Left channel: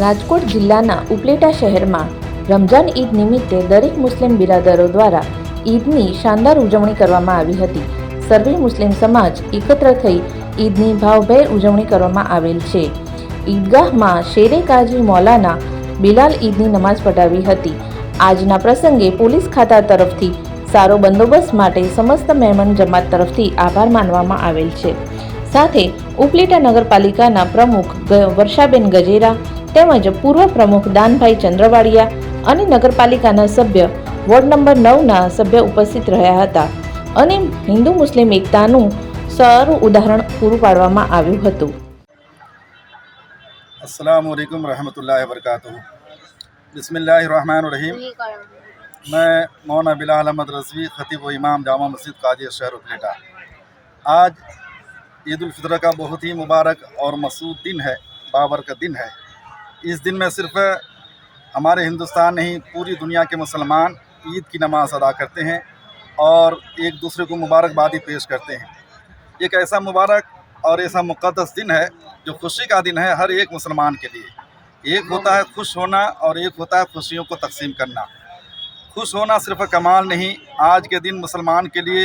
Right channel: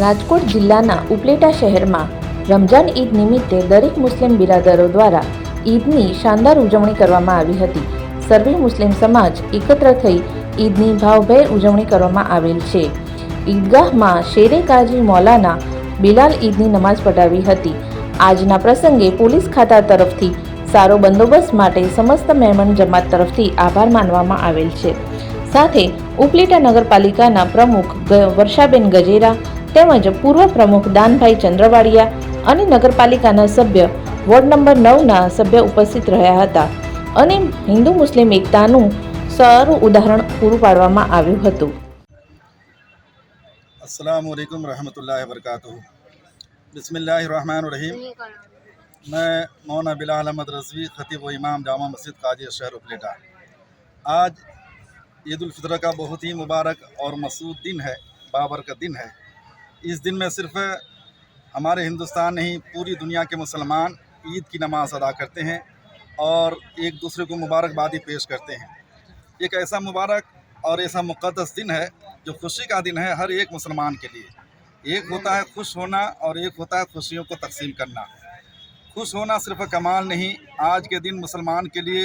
રાજકોટ જિલ્લાના ઉપલેટા શહેરમાં રમજાન ઈદ નિમિત્તે દરેક મુસ્લિમ બિરાદરો દ્વારા ઈદની શાનદાર ઉજવણી કરવામાં આવી હતી. સર્વે મુસ્લિમ સમાજ એકત્ર થઈ ઈદની ભાવભેર ઉજવણી કરવામાં આવેલ છે. ઈદગાહમાં શેરે કાજી મૌલાના બિલાલ ઈદની નમાઝ પઢાવી હતી. આજના પ્રસંગે પોલીસ ખાતા તરફથી સારો બંદોબસ્ત માટે સમસ્ત મહેમાન જમાત તરફથી આભાર માનવામાં આવેલ છે. સાથે ઉપલેટા નગરપાલિકાના પ્રમુખ વર્ષાબેન ગજેરા તેમજ પૂર્વ પ્રમુખ દાનભાઈ ચંદ્રવાડિયા અને નગરપાલિકાના સભ્ય વોર્ડ નંબર 9ના સભ્ય ઉપસ્થિત રહ્યા હતા અને હિન્દુ મુસ્લિમ એકતાનું સારું ઉદાહરણ પૂરું પાડવામાં આવ્યું હતું. अस्सलामु अलैकुम रहमतुल्लाहि व बरकातुहू। बिस्मिल्लाहिर्रहमानिर्रहीम। मैं मौलाना बिलाल अहमद रज़वी, खतीब व इमाम जामा मस्जिद काजी शहर उपलेटा। आज ईद उल फितर का बहुत ही मुबारक और मसूद दिन है, बाबरकत दिन है। इस दिन में सिर्फ हमारे हिंदुस्तान नहीं पूरी दुनिया के मुसलमान ईद की नमाज़ अदा करते हैं और एक दूसरे को मुबारकबादी पेश करते हैं। एक ऐसा मुबारक और ऐसा मुक़द्दस दिन है जो खुशी का दिन है हर एक मुसलमान के लिए। एक होता है खुश होना और एक होता है खुशियों को तकसीम करना। खुश होना सिर्फ कमाल नहीं, आज के दिन मुसलमान के लिए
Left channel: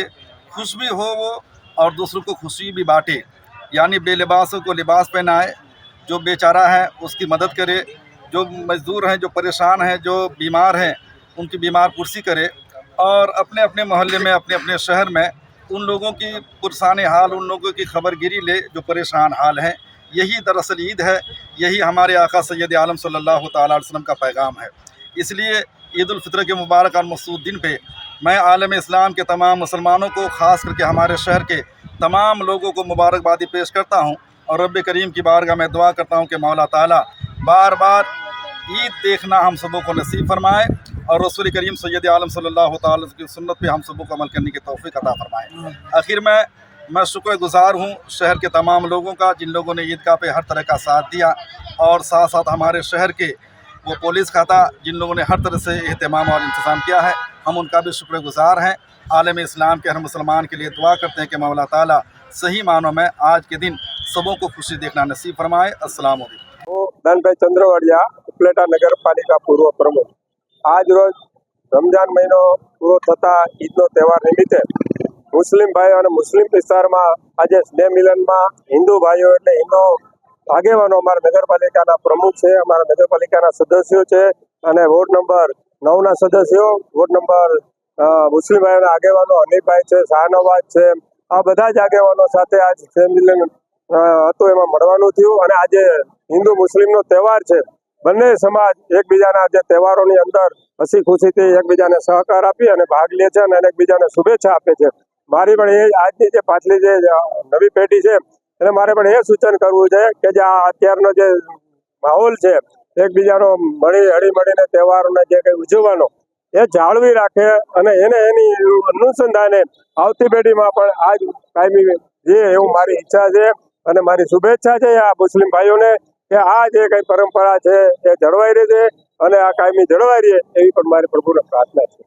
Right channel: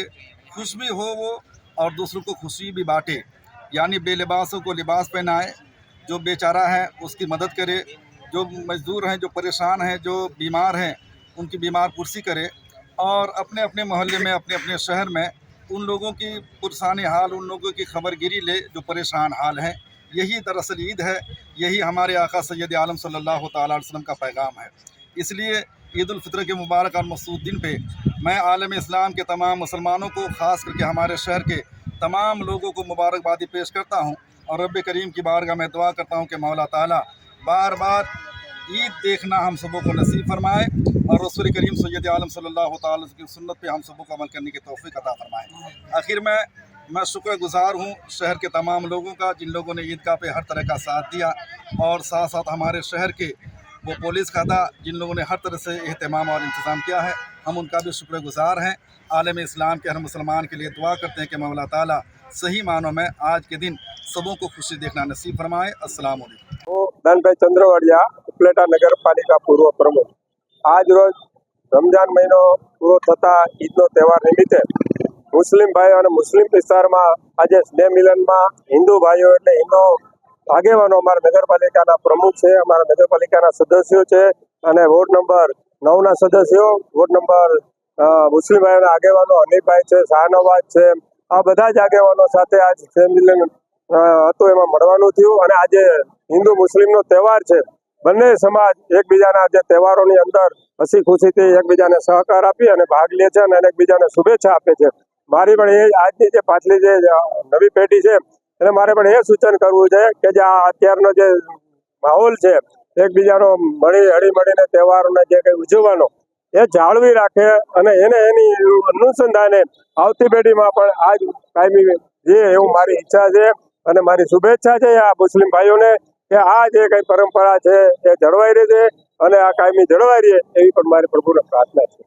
खुश भी हो वो और दूसरों को खुशी भी बांटे, यानी बेलिबासों को लिबास पहनाए, जो बेचारा है उसकी मदद करे, जो मज़दूर हैं, जो परेशान हैं, जो बीमार हैं उनकी बीमार पुरसी करे और अपने अपने मोहल्ले में अपने अपने शहर में उन लोगों की पुरसाने हाल, उन लोगों की खबरगिरी ले जो परेशान हाल हैं। यही दरअसल ईद है, यही हमारे आका सैयद आलम सल्लल्लाहु तआला अलैहि वसल्लम का पैगाम है। इसलिए ईद उल फितर के मुबारक और मसूद दिन पे मैं आलम इस्लाम के तमाम मुसलमानों को, ख़ास करके हमारे शहर के तमाम लोगों को मुबारकबादी पेश करता हूँ और रब्बे करीम की बारगाह में दुआ करता हूँ कि मौला ताला बार बार ईद देखना हम सबों को नसीब फरमाए और रसूल करीम सैयद आलम सल्लल्लाहु तआला अलैहि वसल्लम की सुन्नत पे हम सबों को अमल करने की तौफीक अता फरमाए। आखिर में मैं शुक्रगुजार हूँ शहर के तमाम लोगों का, जिन लोगों ने ईदगाह पे हर तरह का साथ दिया और साथ साथ हमारे शहर के वो पुलिस खाता जिन लोगों ने हर तरह से एहतमाम और इंतज़ाम किया है, हम उनका भी शुक्रगुजार हैं। आलम इस्लाम के हर मुसलमान के लिए दुआ करते हैं कि मौला ताला सही मानों में आज के दिन सबों को खुशी देखना नसीब फरमाए। अस्सलाम वालेकुम। दानभाई चंद्रवाडिया, उपलेटा नगरपालिका पूर्व प्रमुख। आज रोज रमजान महीनो पूरो थता ईदनो तहेवार निमित्ते मुस्लिम भाईओ અને મુસ્લિમ વિસ્તારમાં આજે સ્નેહ મિલનમાં હિન્દુ ભાઈઓ એટલે હિન્દુ આગેવાનો અમારા નગરપાલિકાના પ્રમુખ છે, અમારા નગરપાલિકાના સદસ્યો છે અને વોર્ડ નંબર 9ના સદસ્યો, વોર્ડ નંબર મુસ્લિમ ભાઈઓના આગેવાનો હનીફભાઈ છે, શાહનવાજ છે, આ બધા જ આગેવાનો સાથે આજ સ્નેહ મિલન હતું એમાં મળવાનું થયું અને આજે હિન્દુ મુસ્લિમનો તહેવાર છે. બંને સમાજ એકબીજાના જે તહેવારોની અંદર હસી ખુશીથી એકબીજાને સહકાર આપી અને ભાગ લે છે અને એકબીજાને શુભેચ્છા આપે છે. મારી પણ એ આજની જે પાછલી જે નવી પેઢી છે એને મારે પણ એ સૂચન કરવું છે કે જે આ અત્યારનો જે માહોલ છે એકબીજાનો હળીમળીને તહેવારોને જે કંઈ ઉજવવાનો એ જાળવી રાખે અને એને એની અનુસંધાને આવતી પેઢીમાં પણ આજ કાયમી જે એવું મારી ઈચ્છા છે અને મારી શુભેચ્છા છે આ મુસ્લિમ ભાઈઓને કે આ જે કંઈ પરંપરા છે એ જળવાઈ રહે છે અને આ કાયમી જળવાઈ રહે એવી પણ મારી પ્રભુને પ્રાર્થના છે.